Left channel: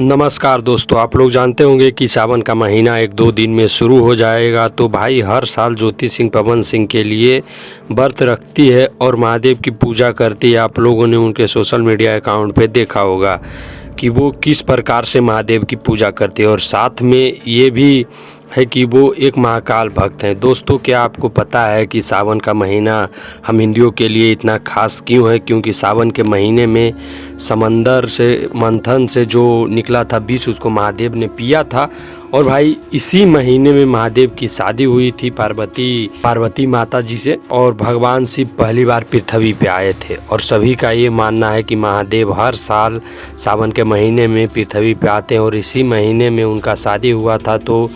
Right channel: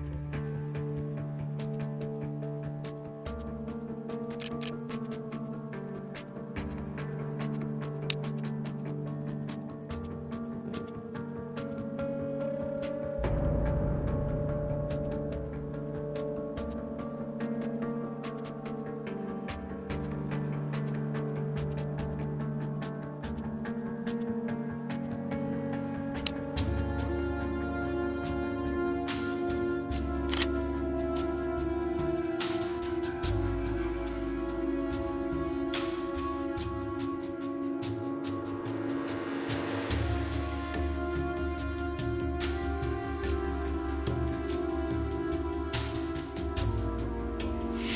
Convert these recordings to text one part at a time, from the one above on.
नमस्कार दोस्तों, आप लोग जानते होंगे कि सावन का महीना 1-2 दिन में शुरू हो जाएगा। तो भाई हर साल ज्योति सिंह पवन सिंह के लिए व्रत रखती है और महादेव की पूजा करती है। आप लोगों ने उनके सोशल मीडिया अकाउंट पे देखा होगा कि वो किस प्रकार से महादेव की पूजा करती है, और साथ में ये भी है कि वो एक महाकाल भक्त हैं। दोस्तों, क्या आपको पता है कि सावन का महीना हम हिंदुओं के लिए इतना खास क्यों है? क्योंकि सावन के महीने में समंदर से मंथन से जो निकला था विष, उसको महादेव ने पिया था। और भाई इसी महीने में महादेव की शादी हुई थी पार्वती माता जी से, और भगवान शिव पहली बार पृथ्वी पे आए थे। और सभी का ये मानना है कि महादेव हर साल सावन के महीने में पृथ्वी पे आते हैं, और इसी महीने में उनका शादी हुआ था। तो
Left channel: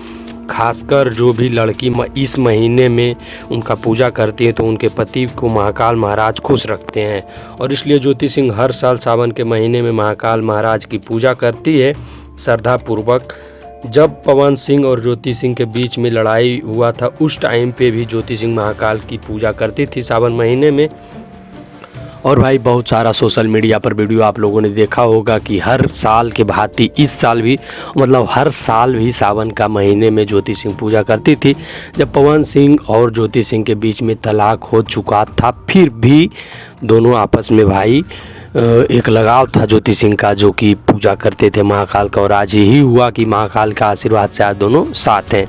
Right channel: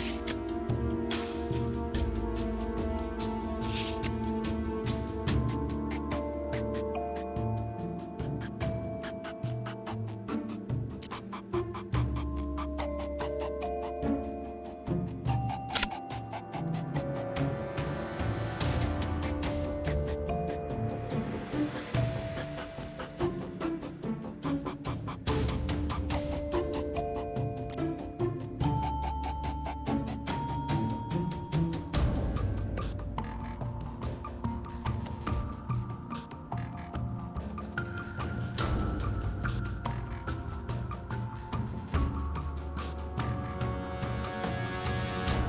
खासकर जो भी लड़की इस महीने में उनका पूजा करती है तो उनके पति को महाकाल महाराज खुश रखते हैं, और इसलिए ज्योति सिंह हर साल सावन के महीने में महाकाल महाराज की पूजा करती है श्रद्धा पूर्वक। जब पवन सिंह और ज्योति सिंह के बीच में लड़ाई हुआ था, उस टाइम पे भी ज्योति सिंह महाकाल की पूजा करती थी सावन महीने में। और भाई बहुत सारा सोशल मीडिया पर वीडियो आप लोगों ने देखा होगा कि हर साल के भांति इस साल भी, मतलब हर साल भी सावन का महीने में ज्योति सिंह पूजा करती थी। जब पवन सिंह और ज्योति सिंह के बीच में तलाक हो चुका था, फिर भी दोनों आपस में भाई एक लगाव था ज्योति सिंह का, जो कि पूजा करते थे महाकाल का। और आज यही हुआ कि महाकाल का आशीर्वाद से आज दोनों साथ हैं।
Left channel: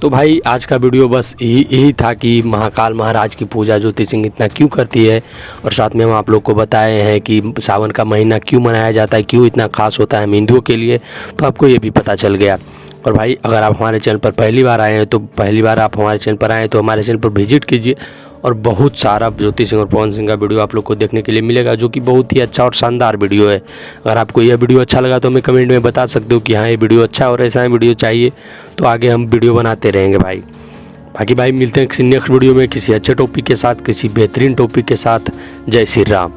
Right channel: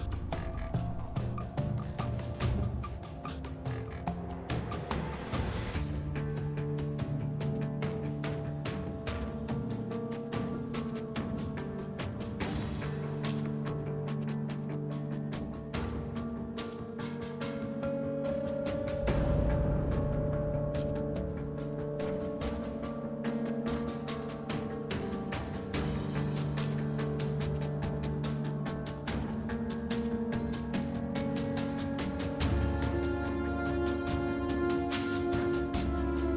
तो भाई आज का वीडियो बस यही था कि महाकाल महाराज की पूजा ज्योति सिंह इतना क्यों करती है, और साथ में हम आप लोग को बताए हैं कि सावन का महीना क्यों मनाया जाता है, क्यों इतना खास होता है हम हिंदुओं के लिए। तो आपको ये भी पता चल गया। और भाई अगर आप हमारे चैनल पर पहली बार आए हैं तो आप हमारे चैनल पर आएँ तो हमारे चैनल पर विजिट कीजिए, और बहुत सारा ज्योति सिंह और पवन सिंह का वीडियो आप लोग को देखने के लिए मिलेगा, जो कि बहुत ही अच्छा और शानदार वीडियो है। अगर आपको यह वीडियो अच्छा लगा तो हमें कमेंट में बता सकते हो कि हाँ ये वीडियो अच्छा और ऐसा वीडियो चाहिए, तो आगे हम वीडियो बनाते रहेंगे भाई। बाकी भाई मिलते हैं किसी नेक्स्ट वीडियो में किसी अच्छे टॉपिक के साथ, किसी बेहतरीन टॉपिक के साथ। जय श्री राम।